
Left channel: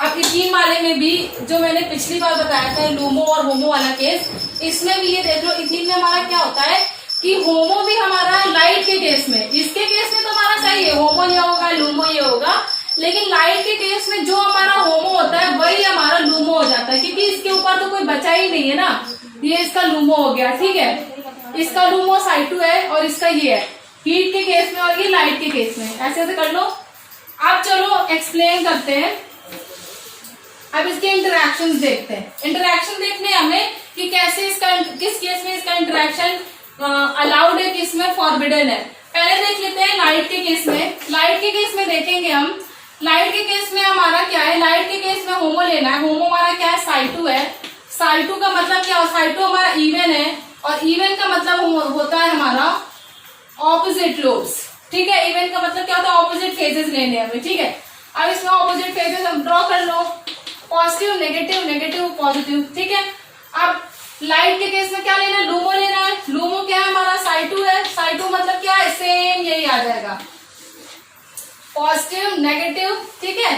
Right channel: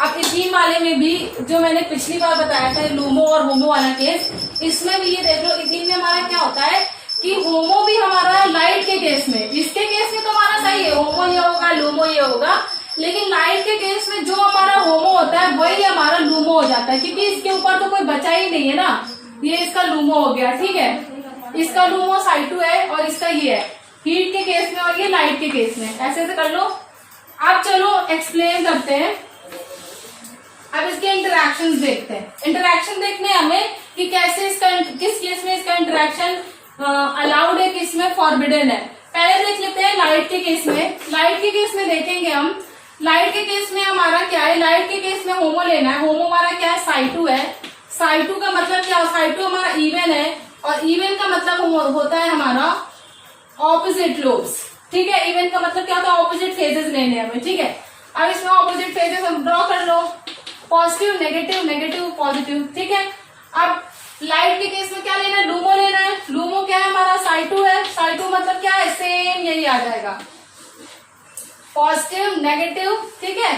अब इथीन वाले में भी जो मैंने पिछली बार बताया था लूमो और होमो वाला केस, इसमें भी ये देख लो इथीन में हमारा क्या होता है कि होमो भी हमारा लाइट के केस में, इसके केस में तो हमारा सही है, होमो ये होगा लूमो ये होगा, लेकिन लाइट के केस में जो हमारा होमो होता है वही हमारा लूमो हो जाता है, क्योंकि इसके ऊपर तो कोई बचा ही नहीं है ना, ये इसका लूमो हो गया। ठीक है, इसका लूमो Psi2 है और इसका ये है हीट के केस में और ये लाइट के केस में, ऐसे ऐसे कर लो। अब चलो एक्सप्लेन करते हैं, अब इसके इंटरैक्शंस देखते हैं। इंटरैक्शन देखने हमें कि कैसे इसका, किस केस में इसका इंटरैक्शन अलाउड है, किस में फॉरबिडन है। पहले देख लेते हैं लाइट के केस में। लाइट के केस में देखेंगे हम, लाइट के केस में हमारा क्या है, लाइट के केस में होमो लेना है। होमो हमारा क्या है, Psi2 है। Psi2 का मतलब क्या है, Psi2 हमारा इवन है और इवन का मतलब होता है हमारा ऑपोजिट लोब्स। ठीक है, इवन का मतलब क्या होता है, ऑपोजिट फेजेस लेने हमें। ठीक है, अब इसमें ऑपोजिट फेजेस हम ड्रॉ कर लो, पॉजिटिव नेगेटिव नेगेटिव पॉजिटिव। ठीक है, अब लाइट के केस में क्या लेना है, लूमो लेना है। लूमो क्या है हमारा, Psi2 है। Psi2 मतलब क्या है, सेम यही आ जाएगा, पॉजिटिव नेगेटिव। ठीक है,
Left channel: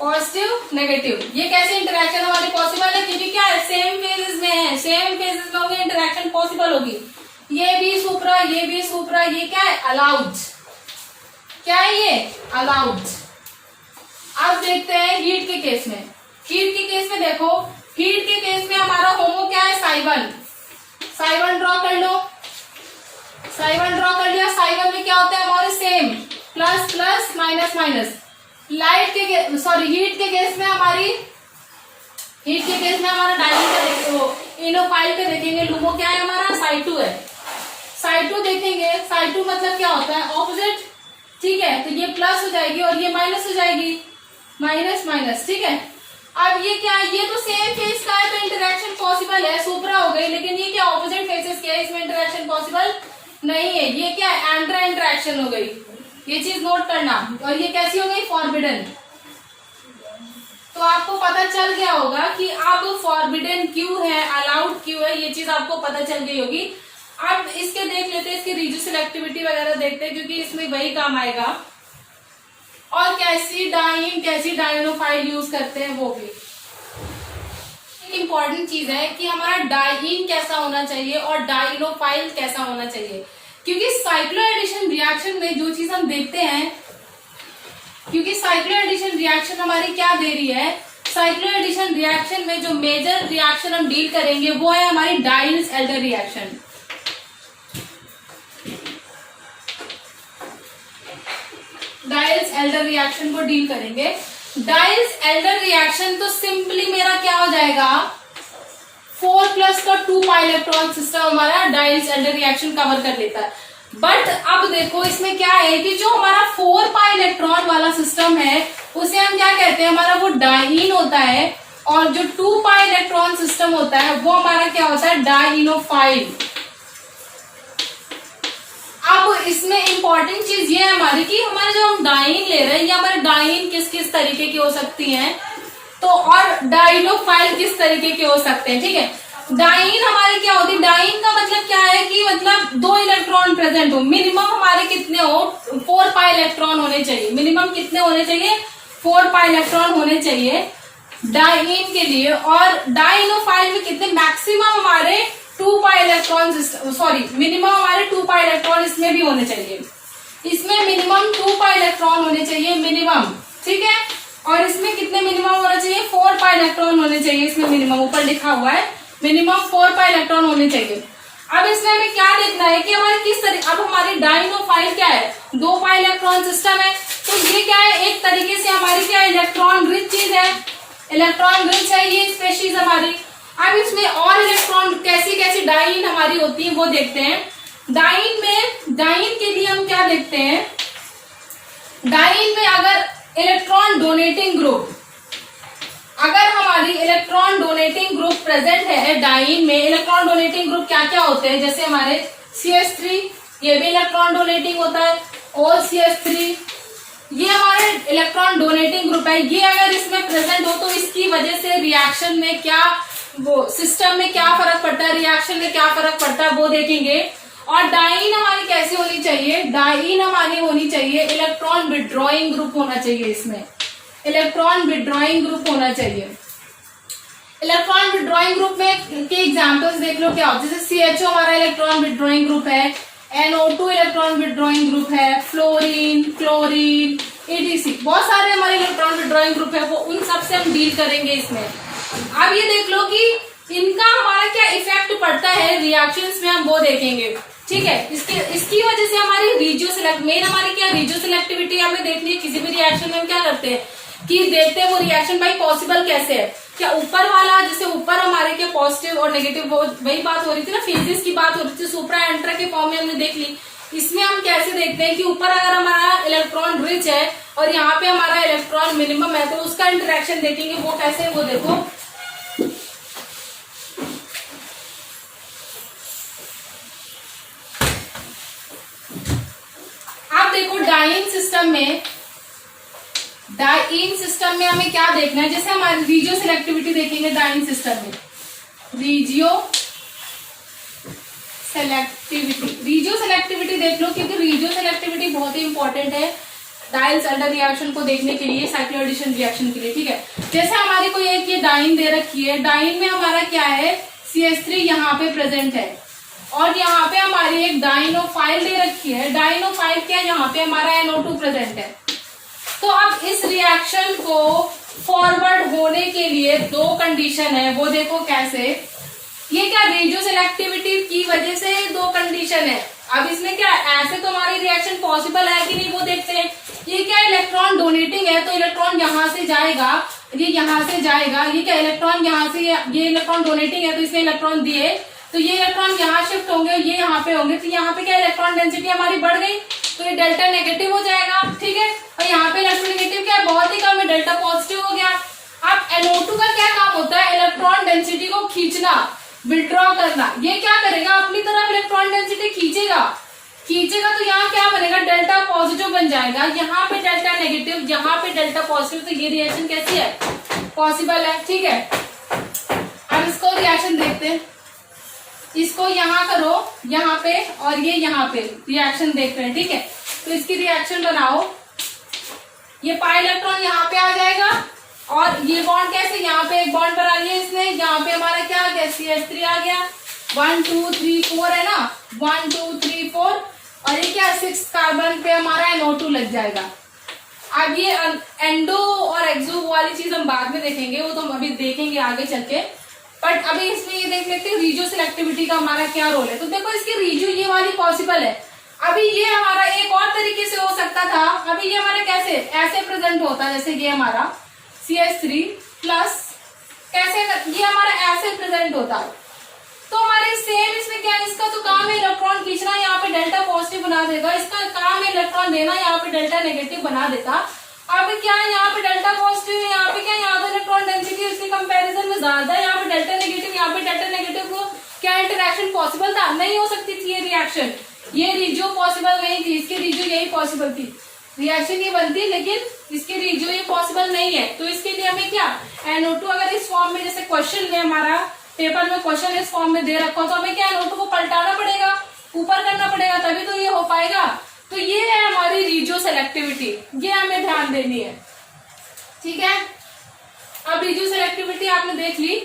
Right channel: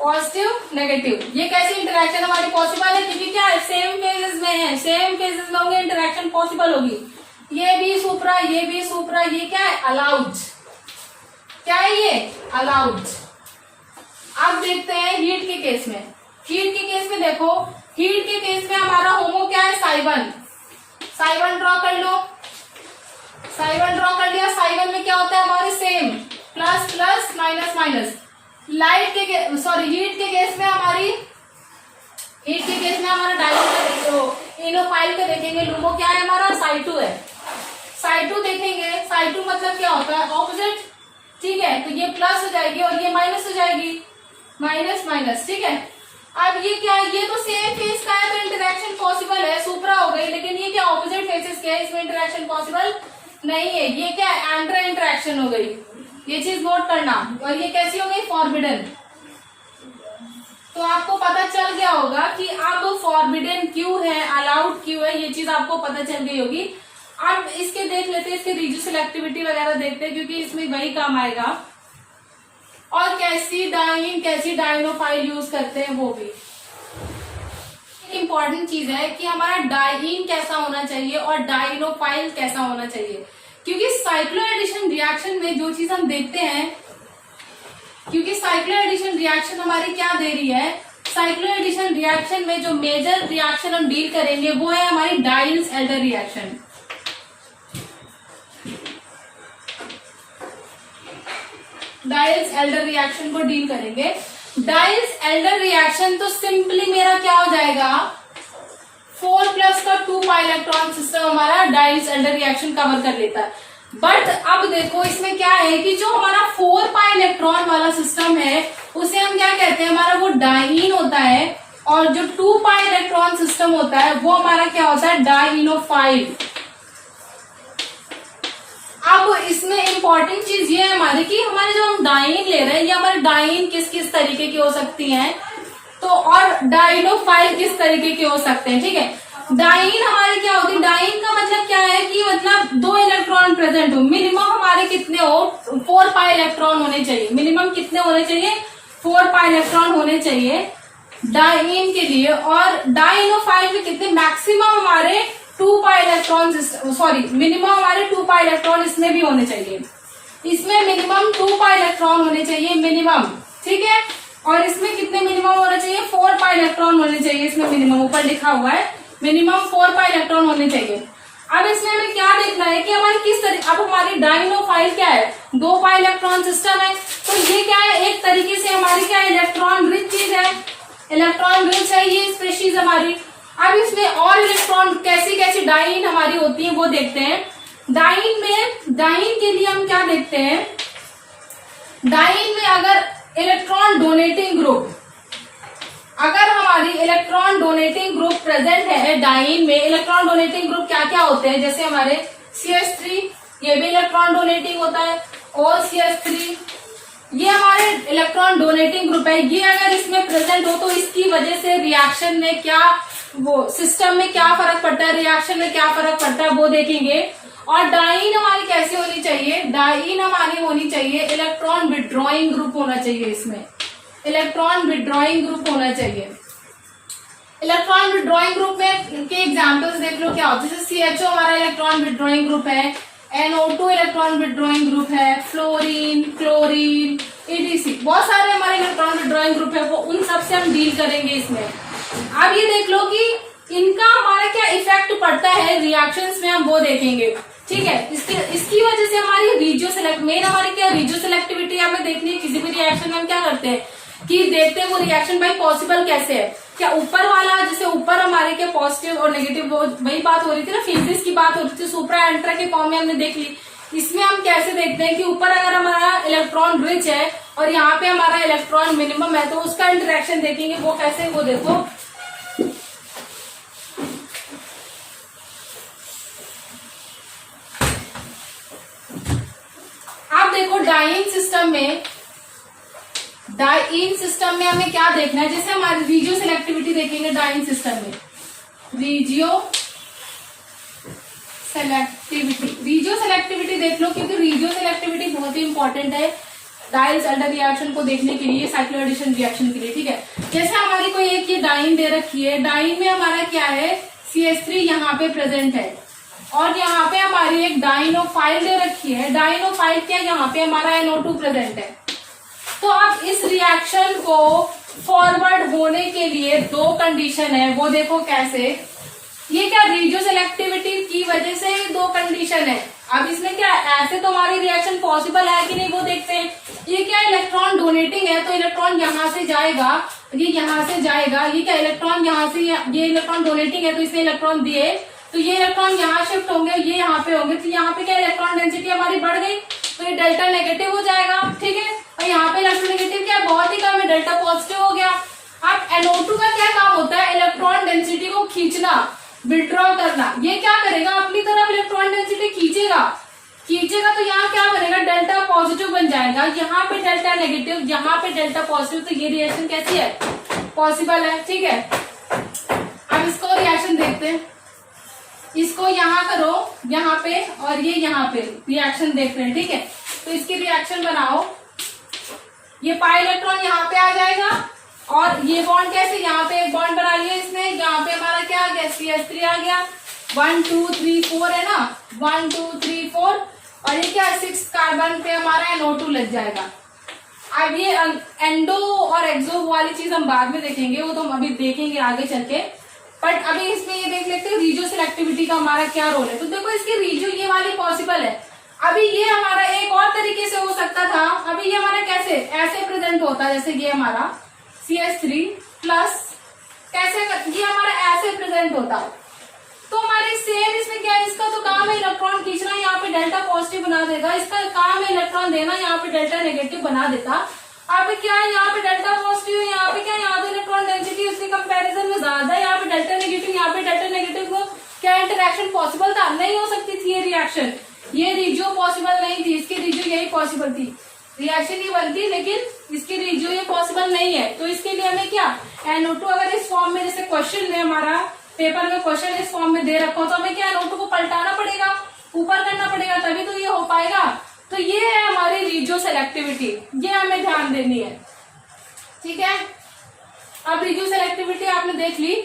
पॉजिटिव नेगेटिव। ये कैसे इंटरेक्शन हमारी पॉसिबल है, क्योंकि क्या है, सेम फेजेस में है, सेम फेजेस में होंगे, इंटरेक्शन पॉसिबल होगी। ये भी सुप्रा, ये भी सुप्रा, ये क्या है, अलाउड। क्या है ये, अलाउड। अब देखते हैं हीट के केस में। हीट के केस में देखो, हीट के केस में हमारा होमो क्या है, Psi1। Psi1 ड्रॉ कर लो, Psi1 ड्रॉ कर लिया। Psi1 में क्या होता है हमारे, same, plus plus minus minus. Light के सॉरी हीट के केस में हमारी, हीट के केस में हमारा डायन का देखो, इनोफाइल का देखेंगे, लूमो क्या है हमारा, Psi2 है। Psi2 देखेंगे, Psi2 मतलब क्या होता है, ऑपोजिट। ठीक है, तो ये प्लस हो जाएगी और ये माइनस हो जाएगी, माइनस माइनस। ठीक है, अब ये क्या है, ये तो सेम फेस का है तो इंटरेक्शन पॉसिबल है, सुप्रा हो गई, लेकिन ये क्या ऑपोजिट फेसेस क्या है, इसमें इंटरेक्शन पॉसिबल नहीं है। ये क्या है, एंट्रा इंटरेक्शन हो गई, ये चीज नोट करना। और ये कैसी हो गई, फॉरबिडन। तो आपको पता चल गया होगा कि अब फॉरबिडन क्यों है, अलाउड क्यों है, ये चीज आपको पता चल गई होगी। अब इसके देख लेते हैं, इसके रिड्यूस सेलेक्टिविटी वगैरह देखते हैं, क्योंकि इसमें वही काम आएगा। और कैसी डाइन, कैसी डाइनोफाइल यूज करते हैं वो भी इंपॉर्टेंट चीज है कि हमारा डाइन कैसा होना चाहिए और डाइनोफाइल कैसा होना चाहिए, क्योंकि साइक्लो एडिशन रिएक्शन में जो चीज हम देखते हैं, क्योंकि साइक्लो एडिशन रिएक्शन हमारी क्या दे रही है, साइक्लो एडिशन रिएक्शन में जो मेजर रिएक्शन हम डील करेंगे वो है हमारी डाइल्स एल्डर रिएक्शन। डाइल्स एल्डर रिएक्शन को डील करेंगे। डाइल्स एल्डर रिएक्शन तो सिंपली मेरा क्या हो जाएगा, 4+ का 2 पाई इलेक्ट्रॉन सिस्टम हमारा डाइल्स एल्डर रिएक्शन कवर कर लेता है। बट अब देखो इसमें क्या है कि जो हमारा 4 पाई इलेक्ट्रॉन वाला सिस्टम है उसे हम क्या कहते हैं, हमारा वो डाइन होता है, और जो 2 पाई इलेक्ट्रॉन सिस्टम होता है वो हमारा क्या होता है, डाइनोफाइल। अब इसमें इंपॉर्टेंट चीज ये है हमारी कि हमारे जो हम डाइन ले रहे हैं, ये हमारे डाइन किस किस तरीके की हो सकती हैं, तो और डाइनोफाइल किस तरीके के हो सकते हैं। ठीक है, डाइन हमारी क्या होती है, डाइन का मतलब क्या है कि मतलब 2 इलेक्ट्रॉन प्रेजेंट हो, मिनिमम हमारे कितने हो, 4 पाई इलेक्ट्रॉन होने चाहिए। मिनिमम कितने होने चाहिए, 4 पाई इलेक्ट्रॉन होने चाहिए डाइन के लिए। और डाइनोफाइल में कितने, मैक्सिमम हमारे 2 पाई इलेक्ट्रॉन, सॉरी मिनिमम हमारे 2 पाई इलेक्ट्रॉन इसमें भी होने चाहिए। इसमें मिनिमम 2 पाई इलेक्ट्रॉन होने चाहिए मिनिमम। ठीक है, और इसमें कितने मिनिमम होना चाहिए, 4 पाई इलेक्ट्रॉन होने चाहिए। इसमें मिनिमम ऊपर लिखा हुआ है, मिनिमम 4 पाई इलेक्ट्रॉन होने चाहिए। अब इसमें हमें क्या देखना है कि हमारे किस तरीके, अब हमारी डाइनोफाइल क्या है, 2 पाई इलेक्ट्रॉन सिस्टम है, तो ये क्या है, एक तरीके से हमारी क्या है, इलेक्ट्रॉन रिच चीज है, इलेक्ट्रॉन रिच है ये स्पेशीज हमारी। अब इसमें और इलेक्ट्रॉन कैसी कैसी डाइन हमारी होती है वो देखते हैं। डाइन में, डाइन के लिए हम क्या देखते हैं, डाइन में अगर इलेक्ट्रॉन डोनेटिंग ग्रुप, अगर हमारी इलेक्ट्रॉन डोनेटिंग ग्रुप प्रेजेंट है डाइन में, इलेक्ट्रॉन डोनेटिंग ग्रुप क्या क्या होते हैं, जैसे हमारे CH3, ये भी इलेक्ट्रॉन डोनेटिंग होता है, और CH3 ये हमारे इलेक्ट्रॉन डोनेटिंग ग्रुप है। ये अगर इसमें प्रेजेंट हो तो इसकी वजह से रिएक्शन में क्या, वो सिस्टम में क्या फर्क पड़ता है, रिएक्शन में क्या फर्क पड़ता है वो देखेंगे। और डाइन हमारी कैसी होनी चाहिए, डाइन हमारी होनी चाहिए इलेक्ट्रॉन विड्रॉइंग ग्रुप होना चाहिए, इसमें इलेक्ट्रॉन विड्रॉइंग ग्रुप होना चाहिए। इलेक्ट्रॉन विड्रॉइंग ग्रुप में के एग्जांपल्स देख लो क्या होते हैं, जैसे CHO हमारा इलेक्ट्रॉन विड्रॉइंग ग्रुप है, NO2 इलेक्ट्रॉन विड्रॉइंग ग्रुप है, फ्लोरीन, क्लोरीन, ETC, बहुत सारे हमारे इलेक्ट्रॉन विड्रॉइंग ग्रुप है, वो उन सब से हम डील करेंगे इसमें। अब ये देख लो कि इनका हमारा क्या इफेक्ट पड़ता है रिएक्शंस में, हम वो देखेंगे, ठीक है। इसकी वजह से हमारी रीजियो सेलेक्ट, मेन हमारी क्या रीजियो सेलेक्टिविटी हमें देखनी है। किसी भी रिएक्शन में हम क्या करते हैं कि देखते हैं वो रिएक्शन भाई पॉसिबल कैसे है, क्या ऊपर वाला, जैसे ऊपर हमारे क्या पॉजिटिव और नेगेटिव, वही बात हो रही थी ना, फेजेस की बात हो रही थी, सुप्रा एंट्रा के फॉर्म में हमने देख ली। इसमें हम कैसे देखते हैं कि ऊपर अगर हमारा इलेक्ट्रॉन रिच है और यहाँ पे हमारा इलेक्ट्रॉन मिनिमम है, तो उसका इंटरेक्शन देखेंगे वो कैसे, वो देखो आप देखो डाइन सिस्टम में हमें क्या देखना है, जैसे हमारी रीजियो सिलेक्टिविटी देखेंगे डाइन सिस्टम में, रीजियो सेलेक्टिविटी देख लो, क्योंकि रीजियो सेलेक्टिविटी बहुत ही इंपॉर्टेंट है डाइल्स अल्डर रिएक्शन को देखने के लिए, साइक्लोएडिशन रिएक्शन के लिए, ठीक है। जैसे हमारी कोई एक ये डाइन दे रखी है, डाइन में हमारा क्या है CH3 यहाँ पे प्रेजेंट है, और यहाँ पे हमारी एक डाइनोफाइल दे रखी है, डाइनोफाइल क्या यहाँ पे हमारा NO2 प्रेजेंट है। तो अब इस रिएक्शन को फॉरवर्ड होने के लिए दो कंडीशन है, वो देखो कैसे, ये क्या रीजियो सेलेक्टिविटी की वजह से दो कंडीशन है। अब इसमें क्या ऐसे तो हमारी रिएक्शन पॉसिबल है कि नहीं वो देखते हैं। ये क्या इलेक्ट्रॉन डोनेटिंग है, तो इलेक्ट्रॉन यहाँ से जाएगा, ये यहाँ से जाएगा, ये क्या इलेक्ट्रॉन यहाँ से, ये इलेक्ट्रॉन डोनेटिंग है तो इसने इलेक्ट्रॉन दिए, तो ये इलेक्ट्रॉन यहाँ शिफ्ट होंगे, ये यहाँ पे होंगे, तो यहाँ पे क्या इलेक्ट्रॉन डेंसिटी हमारी बढ़ गई, तो ये डेल्टा नेगेटिव हो जाएगा, ठीक है। और यहाँ पे इलेक्ट्रोनेगेटिव क्या है, बहुत ही कम है, डेल्टा पॉजिटिव हो गया। अब NO2 का क्या काम होता है, इलेक्ट्रॉन डेंसिटी को खींचना, विड्रॉ करना। ये क्या करेगा, अपनी तरफ इलेक्ट्रॉन डेंसिटी खींचेगा, तो यहाँ क्या बनेगा, डेल्टा पॉजिटिव बन जाएगा, यहाँ पे डेल्टा नेगेटिव, यहाँ पे डेल्टा पॉजिटिव, तो ये रिएक्शन कैसी है, पॉसिबल है, ठीक है। अब इसको रिएक्शन देखते हैं, इसको यहाँ करो यहाँ पे, और ये यहाँ पे रिएक्शन देख रहे हैं, ठीक है। तो इसकी रिएक्शन बनाओ, ये पाई इलेक्ट्रॉन यहाँ पे आ जाएगा, और ये बॉन्ड कैसे, यहाँ पे एक बॉन्ड बना लिया इसने, यहाँ पे हमारा क्या आ गया, CH3 आ गया, 1 2 3 4 है ना, 1 2 3 4, और ये क्या 6 कार्बन पे हमारा NO2 लग जाएगा। अब ये एंडो और एक्सो वाली चीज हम बाद में देखेंगे, वो तो हम अभी देखेंगे आगे चल के, बट अभी इसमें ये देख लेते हैं रीजियो सिलेक्टिविटी का हमारा क्या रोल है। तो देखो इसकी रीजियो ये वाली पॉसिबल है, अभी ये हमारा एक और तरीके से हो सकता था, अभी ये हमारे कैसे ऐसे प्रेजेंट होता है, जैसे ये हमारा CH3 प्लस कैसे, ये हमारा ऐसे प्रेजेंट होता है, तो हमारे सेम इसमें क्या है, इसका तो काम है इलेक्ट्रॉन खींचना, यहाँ पे डेल्टा पॉजिटिव बना देगा, इसका काम है इलेक्ट्रॉन देना, यहाँ पे डेल्टा नेगेटिव बना देता। अब क्या है, यहाँ पे डेल्टा पॉजिटिव है, यहाँ पे क्या, यहाँ पे इलेक्ट्रॉन डेंसिटी उसके कंपैरिजन में ज्यादा है, यहाँ पे डेल्टा नेगेटिव, यहाँ पे डेल्टा नेगेटिव, तो क्या इंटरेक्शन पॉसिबल था, नहीं हो सकती थी ये रिएक्शन, ये रीजियो पॉसिबल नहीं थी, इसकी रीजियो यही पॉसिबल थी, रिएक्शन ये बनती, लेकिन इसकी रीजियो ये पॉसिबल नहीं है। तो इसके लिए हमें क्या, NO2 अगर इस फॉर्म में, जैसे क्वेश्चन है हमारा पेपर में, क्वेश्चन इस फॉर्म में दे रखा हो, तो हमें क्या NO2 को पलटाना पड़ेगा, ऊपर करना पड़ेगा, तभी तो ये हो पाएगा। तो ये है हमारी रीजियो सेलेक्टिविटी, ये हमें ध्यान देनी है, ठीक है। अब रीजियो सेलेक्टिविटी आपने देख ली,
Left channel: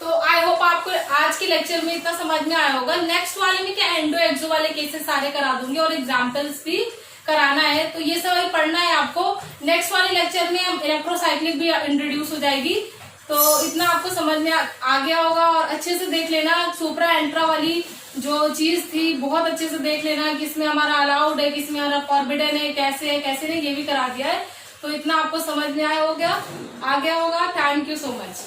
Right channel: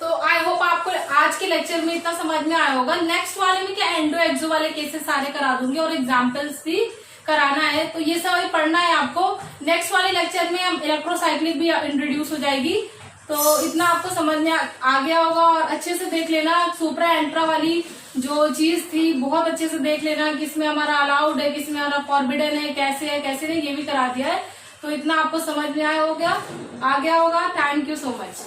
तो आई होप आपको आज के लेक्चर में इतना समझ में आया होगा। नेक्स्ट वाले में क्या एंडो एक्सो वाले केसेस सारे करा दूंगी और एग्जाम्पल्स भी कराना है, तो ये सब पढ़ना है आपको। नेक्स्ट वाले लेक्चर में हम इलेक्ट्रोसाइक्लिक भी इंट्रोड्यूस हो जाएगी, तो इतना आपको समझ में आ गया होगा। और अच्छे से देख लेना सुप्रा एंट्रा वाली जो चीज थी, बहुत अच्छे से देख लेना, किसमें हमारा अलाउड है, किसमें हमारा फॉरबिडन है, कैसे नहीं, ये भी करा दिया है। तो इतना आपको समझ में आ गया होगा। Thank you so much.